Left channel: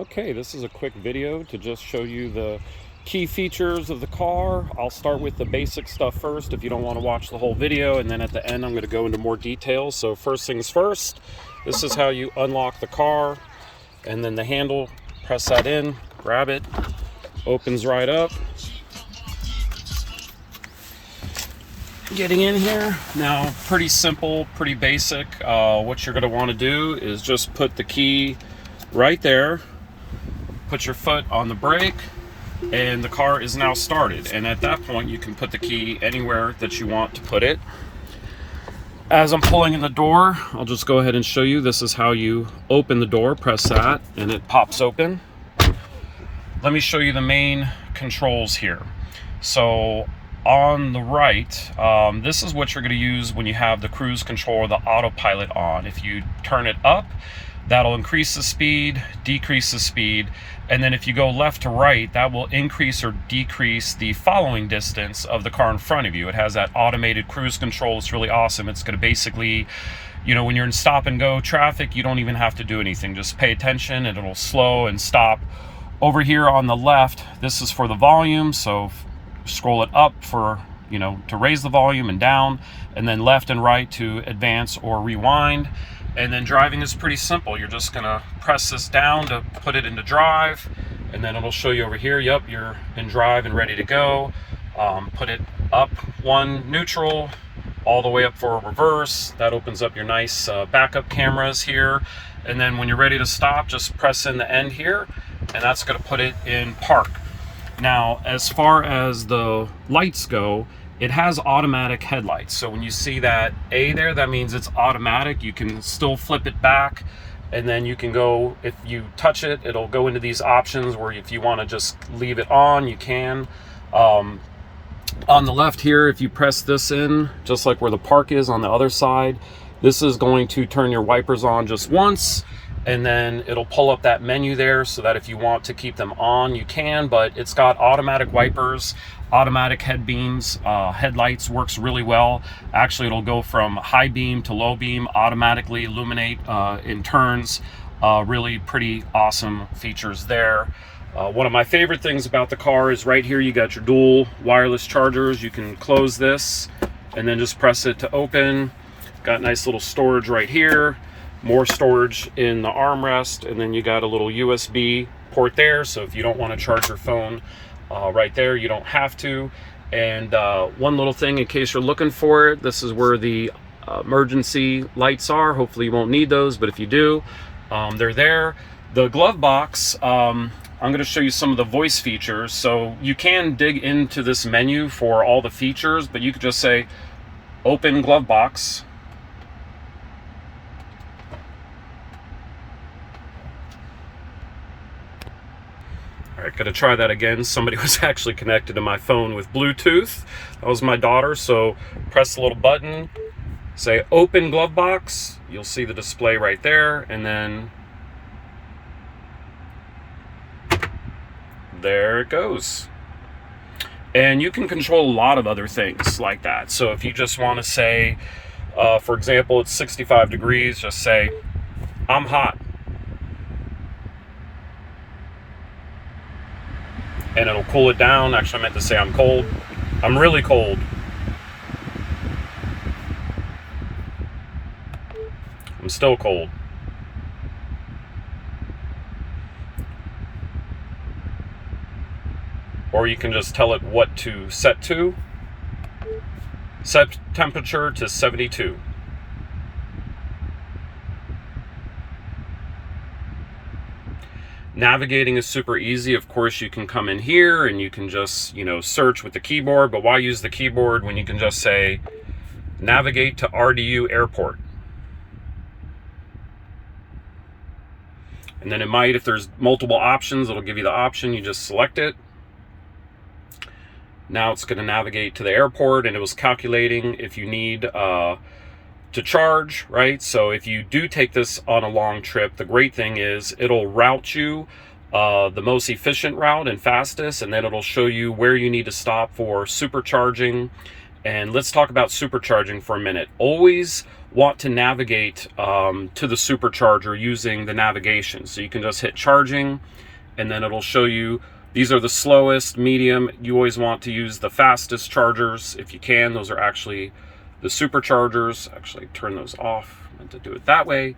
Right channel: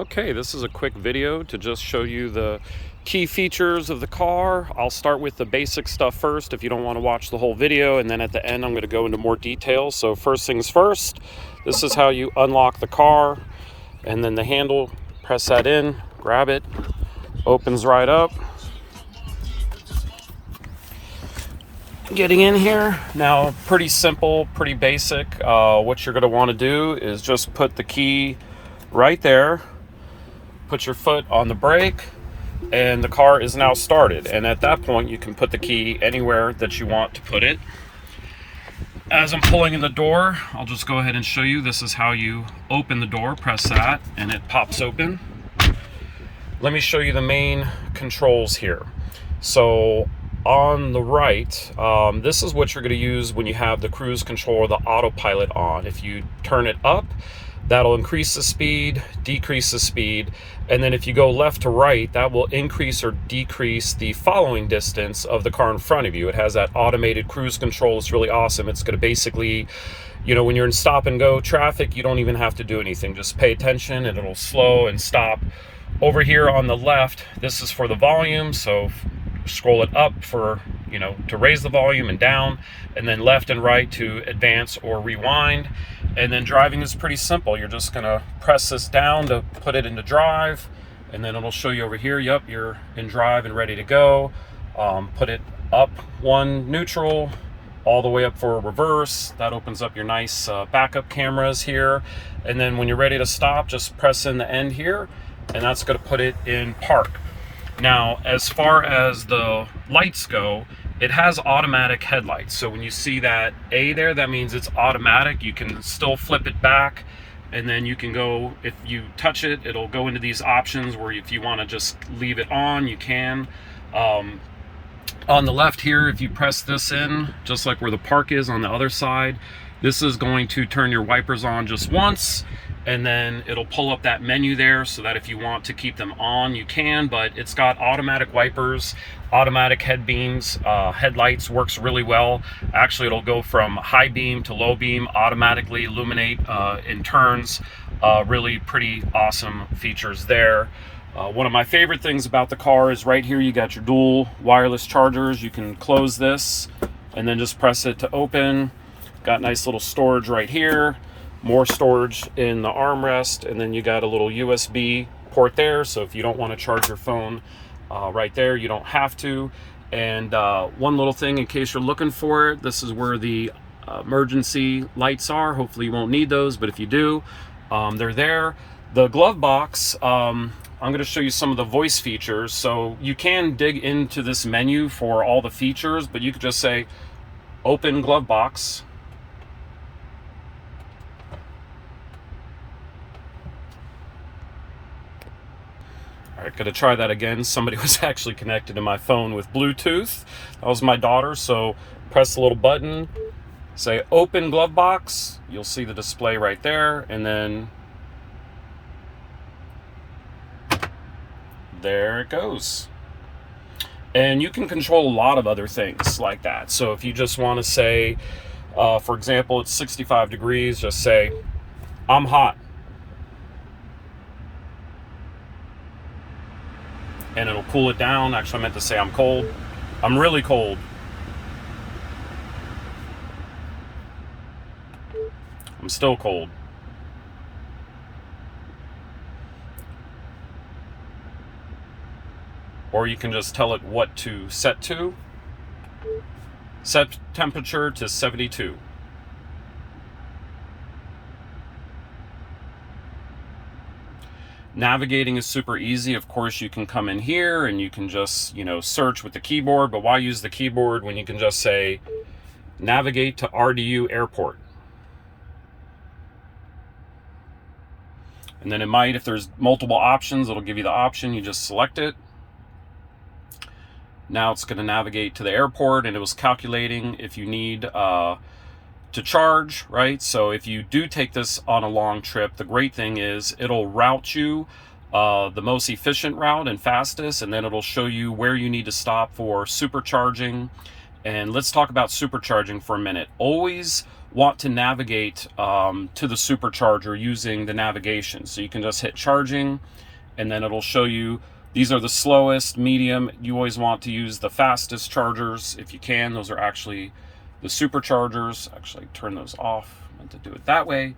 Okay, this is a quick video to just show you the key features of the car. I'll start with the basic stuff first if you don't want to watch the whole video, and then at the end I'm going to go into more details. So first things first, this is how you unlock the car, and then the handle, press that in, grab it, opens right up. Getting in here now, pretty simple, pretty basic. What you're going to want to do is just put the key right there, put your foot on the brake, and the car is now started. And at that point you can put the key anywhere that you want to put it. As I'm pulling in the door, I'll just go ahead and show you. This is how you open the door. Press that and it pops open. Let me show you the main controls here. So on the right, this is what you're going to use when you have the cruise control or the autopilot on. If you turn it up, that'll increase the speed, decrease the speed, and then if you go left to right, that will increase or decrease the following distance of the car in front of you. It has that automated cruise control. It's really awesome. It's going to basically, you know, when you're in stop and go traffic, you don't even have to do anything. Just pay attention and it'll slow and stop. Over here on the left, this is for the volume, so scroll it up for, you know, to raise the volume, and down, and then left and right to advance or rewind. And then driving is pretty simple. You're just gonna press this down to put it into drive, and then it'll show you over here, yep, you're in drive and ready to go. Put it up one, neutral, all the way up for reverse. That opens up your nice backup cameras here. And then when you're ready to stop, just press in the end here, and that's gonna put it in park. Now, as far as the lights go, it has automatic headlights. So when you see that A there, that means it's automatic. You can still flip it back, and then you can go, if you touch it, it'll go into these options where if you want to just leave it on, you can. On the left here, if you press this in, just like where the park is on the other side, this is going to turn your wipers on just once, and then it'll pull up that menu there so that if you want to keep them on, you can. But it's got automatic wipers, automatic head beams, headlights, works really well. Actually, it'll go from high beam to low beam, automatically illuminate in turns. Really pretty awesome features there. One of my favorite things about the car is right here you got your dual wireless chargers. You can close this and then just press it to open. Got nice little storage right here, more storage in the armrest, and then you got a little USB port there, so if you don't want to charge your phone right there, you don't have to. And one little thing in case you're looking for it, this is where the emergency lights are. Hopefully you won't need those, but if you do, they're there. The glove box, I'm going to show you some of the voice features. So you can dig into this menu for all the features, but you could just say open glove box. All right, gonna try that again. Somebody was actually connected to my phone with Bluetooth. That was my daughter. So press the little button, say open glove box. You'll see the display right there, and then there it goes. And you can control a lot of other things like that. So if you just want to say, for example, it's 65 degrees, just say, I'm hot. And it'll cool it down. Actually, I meant to say I'm cold. I'm really cold. I'm still cold. Or you can just tell it what to set to. Set temperature to 72. Navigating is super easy. Of course, you can come in here and you can just, you know, search with the keyboard, but why use the keyboard when you can just say navigate to RDU airport? And then it might, if there's multiple options, it'll give you the option, you just select it. Now it's going to navigate to the airport, and it was calculating if you need to charge, right? So if you do take this on a long trip, the great thing is it'll route you the most efficient route and fastest, and then it'll show you where you need to stop for supercharging. And let's talk about supercharging for a minute. Always want to navigate to the supercharger using the navigation. So you can just hit charging, and then it'll show you these are the slowest, medium. You always want to use the fastest chargers if you can. Those are actually the superchargers. Actually, turn those off. I meant to do it that way.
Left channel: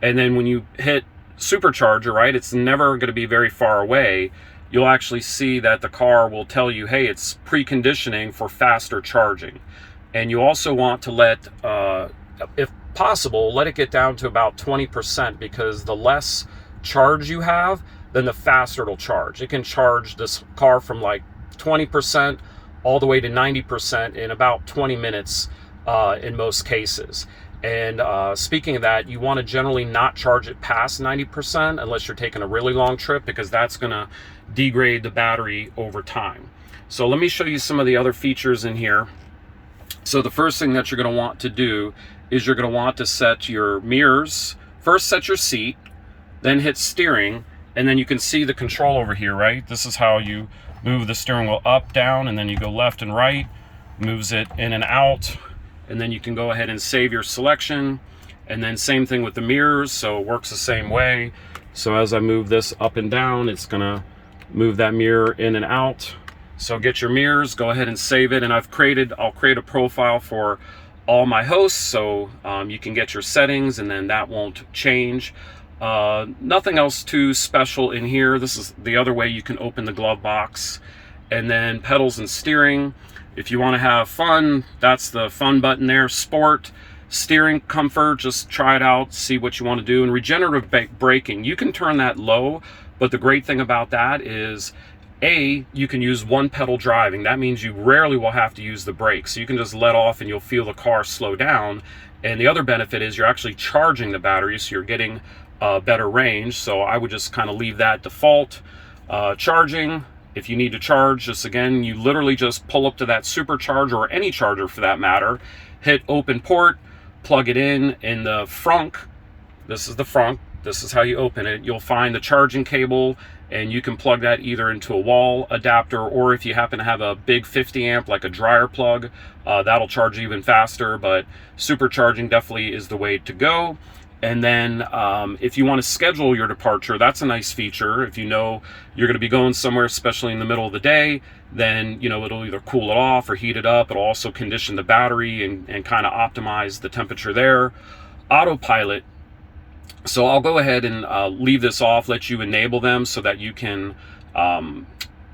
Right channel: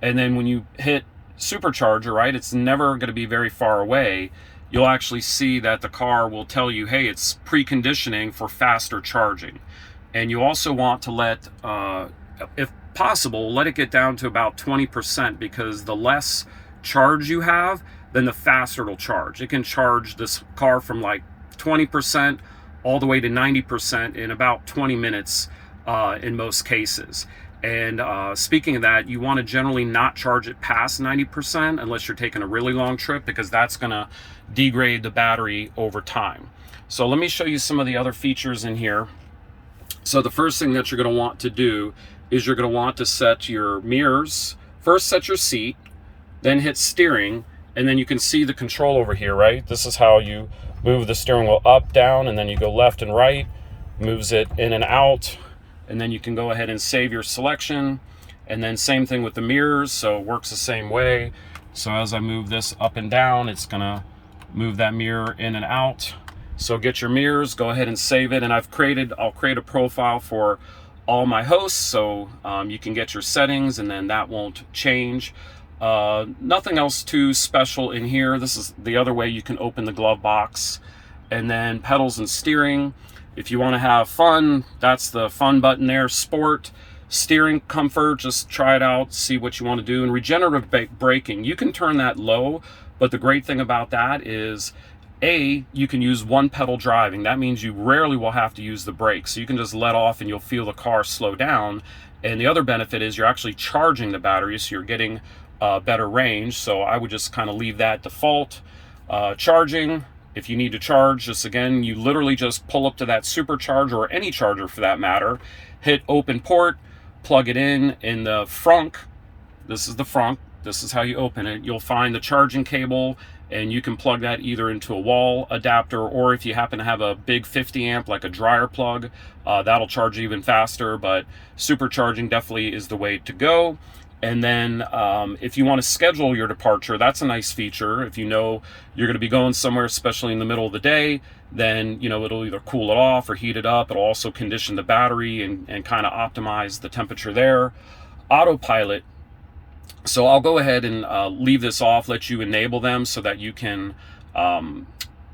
And then when you hit supercharger, right, it's never going to be very far away. You'll actually see that the car will tell you, hey, it's preconditioning for faster charging. And you also want to let, if possible, let it get down to about 20%, because the less charge you have, then the faster it'll charge. It can charge this car from like 20% all the way to 90% in about 20 minutes in most cases. And speaking of that, you want to generally not charge it past 90% unless you're taking a really long trip, because that's going to degrade the battery over time. So let me show you some of the other features in here. So the first thing that you're going to want to do is you're going to want to set your mirrors. First, set your seat, then hit steering, and then you can see the control over here, right? This is how you move the steering wheel up, down, and then you go left and right, moves it in and out, and then you can go ahead and save your selection. And then same thing with the mirrors, so it works the same way. So as I move this up and down, it's gonna move that mirror in and out. So get your mirrors, go ahead and save it. And I'll create a profile for all my hosts, so you can get your settings, and then that won't change. Nothing else too special in here. This is the other way you can open the glove box. And then pedals and steering. If you want to have fun, that's the fun button there. Sport, steering comfort, just try it out, see what you want to do. And regenerative braking, you can turn that low, but the great thing about that is, you can use one pedal driving. That means you rarely will have to use the brakes. So you can just let off and you'll feel the car slow down. And the other benefit is you're actually charging the battery, so you're getting better range. So I would just kind of leave that default. Charging, if you need to charge, just again, you literally just pull up to that supercharger, or any charger for that matter, hit open port, plug it in the frunk. This is the frunk. This is how you open it. You'll find the charging cable, and you can plug that either into a wall adapter, or if you happen to have a big 50 amp like a dryer plug, that'll charge even faster. But supercharging definitely is the way to go. And then if you want to schedule your departure, that's a nice feature. If you know you're going to be going somewhere, especially in the middle of the day, then it'll either cool it off or heat it up. It'll also condition the battery and kind of optimize the temperature there. Autopilot. So I'll go ahead and leave this off, let you enable them so that you can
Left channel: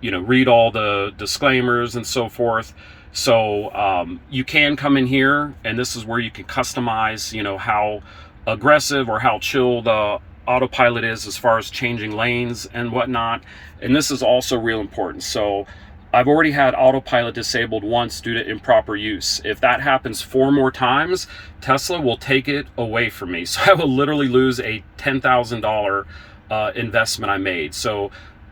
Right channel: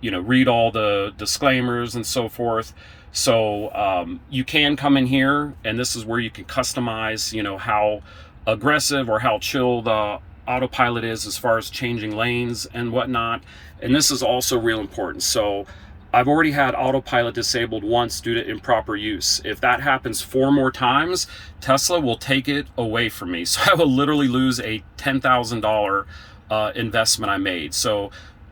read all the disclaimers and so forth. So you can come in here, and this is where you can customize how aggressive or how chill the autopilot is as far as changing lanes and whatnot. And this is also real important. So I've already had autopilot disabled once due to improper use. If that happens 4 more times, Tesla will take it away from me. So I will literally lose a $10,000 investment I made. So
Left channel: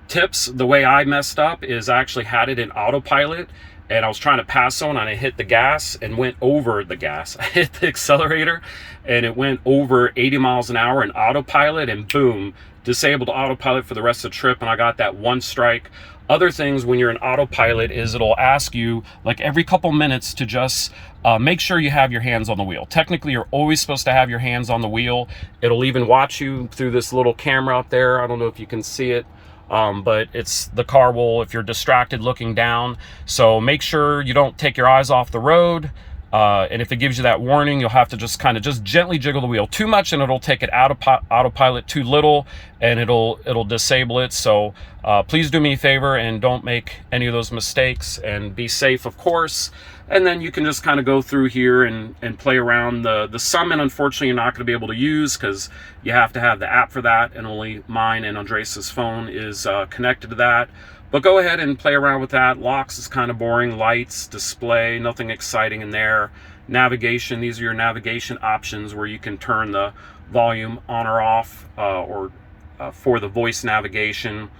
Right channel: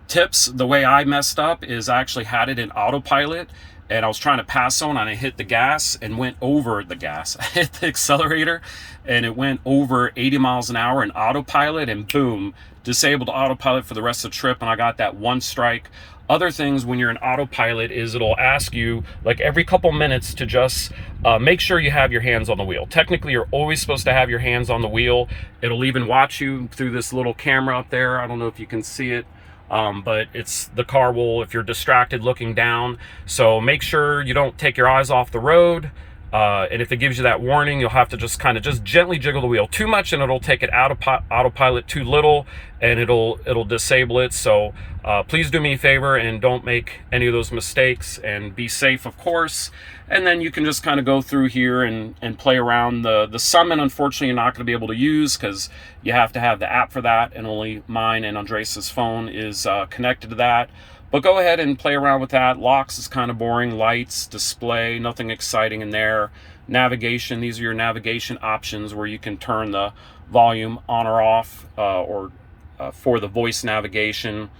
tips, the way I messed up is I actually had it in autopilot, and I was trying to pass on, and I hit the gas and went over the gas. I hit the accelerator and it went over 80 miles an hour in autopilot, and boom, disabled autopilot for the rest of the trip, and I got that 1 strike. Other things when you're in autopilot is it'll ask you like every couple minutes to just make sure you have your hands on the wheel. Technically, you're always supposed to have your hands on the wheel. It'll even watch you through this little camera up there. I don't know if you can see it. But it's the car will, if you're distracted, looking down. So make sure you don't take your eyes off the road. And if it gives you that warning, you'll have to just kind of just gently jiggle the wheel. Too much and it'll take it out of autopilot. Too little and it'll disable it. So please do me a favor and don't make any of those mistakes, and be safe, of course. And then you can just kind of go through here and play around. The Summon, unfortunately, you're not going to be able to use because you have to have the app for that, and only mine and Andres' phone is connected to that. But go ahead and play around with that. Locks is kind of boring. Lights, display, nothing exciting in there. Navigation, these are your navigation options where you can turn the volume on or off for the voice navigation.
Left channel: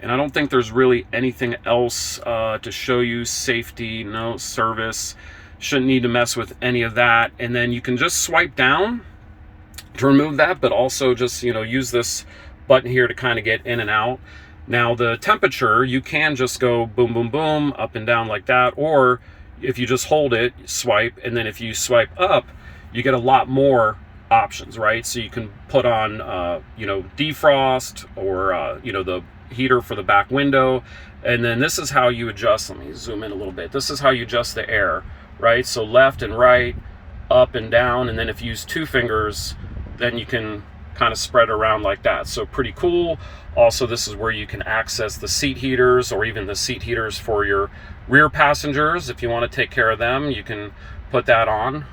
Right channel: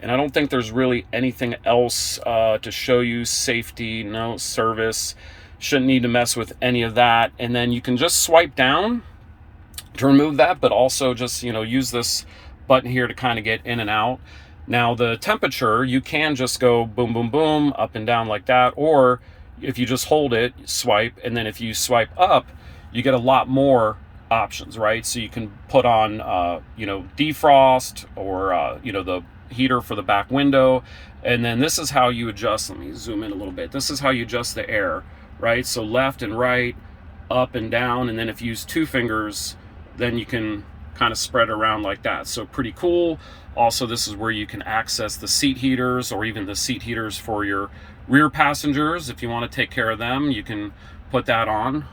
And I don't think there's really anything else to show you. Safety, no. Service, shouldn't need to mess with any of that. And then you can just swipe down to remove that, but also just use this button here to kind of get in and out. Now the temperature, you can just go boom, boom, boom, up and down like that, or if you just hold it, swipe, and then if you swipe up, you get a lot more options, right? So you can put on, you know, defrost, or, you know, the heater for the back window. And then this is how you adjust. Let me zoom in a little bit. This is how you adjust the air, right? So left and right, up and down. And then if you use 2 fingers, then you can kind of spread around like that. So pretty cool. Also, this is where you can access the seat heaters, or even the seat heaters for your rear passengers. If you want to take care of them, you can put that on.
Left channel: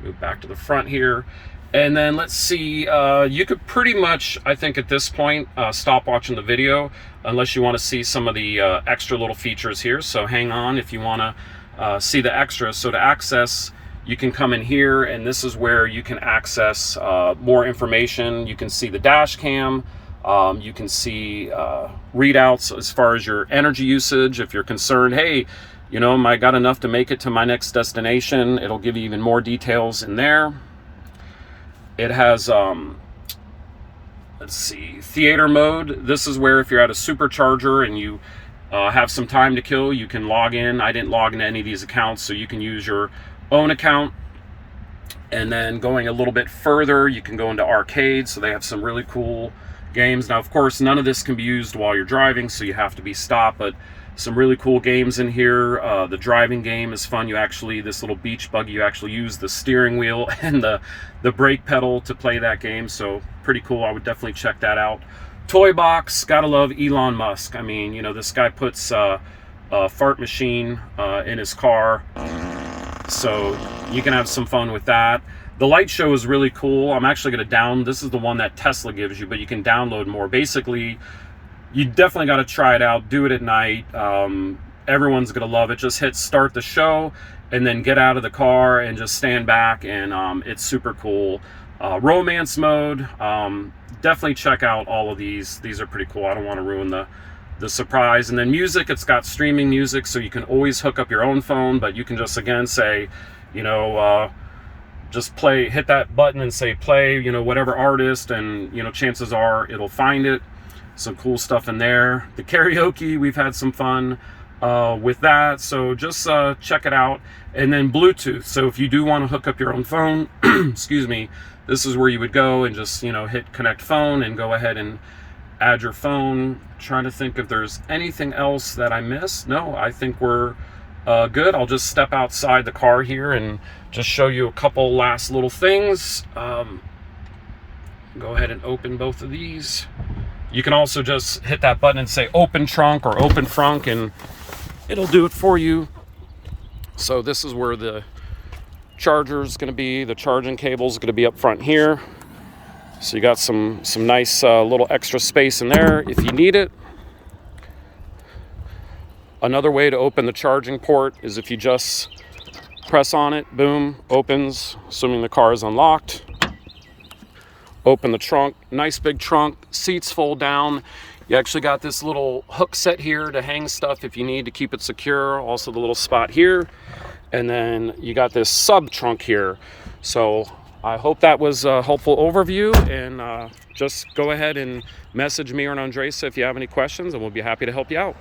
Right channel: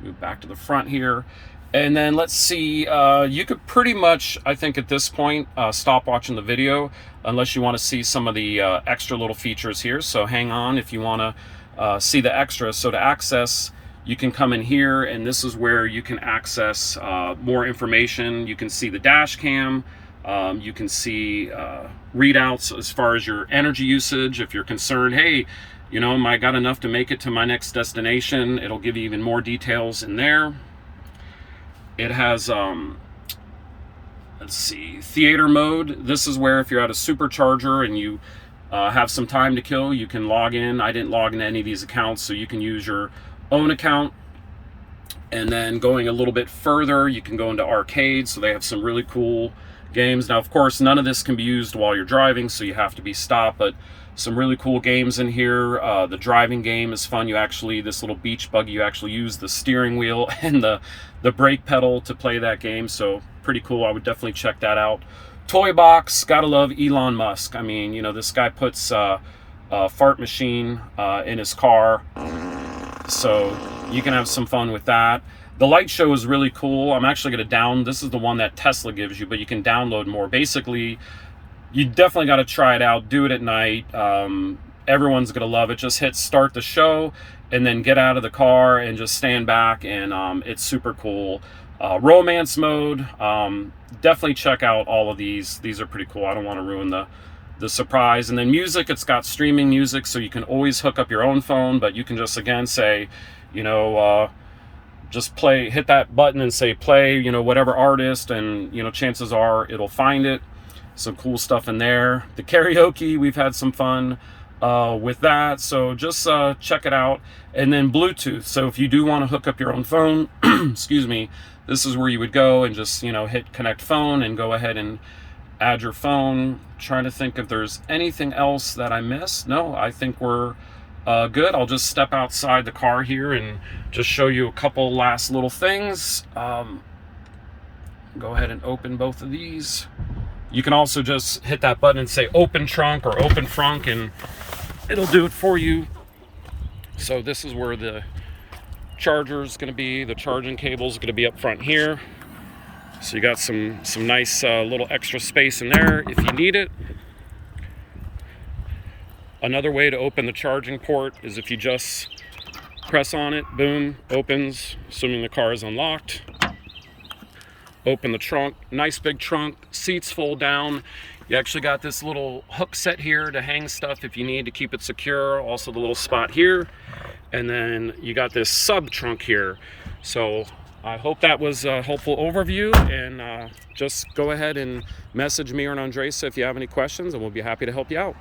Move back to the front here. And then let's see, you could pretty much, I think at this point, stop watching the video unless you want to see some of the extra little features here. So hang on if you want to see the extras. So to access, you can come in here, and this is where you can access more information. You can see the dash cam. You can see readouts as far as your energy usage. If you're concerned, hey, you know, I got enough to make it to my next destination, it'll give you even more details in there. It has, let's see, theater mode. This is where if you're at a supercharger and you have some time to kill, you can log in. I didn't log into any of these accounts, so you can use your own account. And then going a little bit further, you can go into arcade. So they have some really cool games. Now, of course, none of this can be used while you're driving, so you have to be stopped, but some really cool games in here. The driving game is fun. You actually, this little beach buggy, you actually use the steering wheel and the brake pedal to play that game. So pretty cool. I would definitely check that out. Toy box, gotta love Elon Musk. I mean, you know, this guy puts a fart machine in his car, so you can have some fun with that. The light show is really cool. I'm actually going to this is the one that Tesla gives you, but you can download more. Basically, you definitely got to try it out. Do it at night. Everyone's going to love it. Just hit start the show and then get out of the car and just stand back, and it's super cool. Romance mode, definitely check out all of these. These are pretty cool. I don't want to ruin the surprise. And then music, it's got streaming music, so you can always hook up your own phone, but you can just, again, say, you know, just play, hit that button and say play, you know, whatever artist, and, you know, chances are it'll find it. Some cool stuff in there. The karaoke, we've had some fun with that, so just check it out. And then Bluetooth, so if you do want to hook up your own phone, excuse me, this is where you would go and just, you know, hit connect phone and go ahead and add your phone. Trying to think if there's anything else that I missed. No, I think we're good. I'll just step outside the car here and just show you a couple last little things. Go ahead and open both of these. You can also just hit that button and say open trunk or open frunk, and it'll do it for you. So this is where the charger is going to be. The charging cable is going to be up front here. So you got some nice little extra space in there if you need it. Another way to open the charging port is if you just press on it, boom, opens, assuming the car is unlocked. Open the trunk, nice big trunk, seats fold down. You actually got this little hook set here to hang stuff if you need to keep it secure. Also the little spot here. And then you got this sub trunk here. So I hope that was a helpful overview, and just go ahead and message me or Andresa if you have any questions, and we'll be happy to help you out.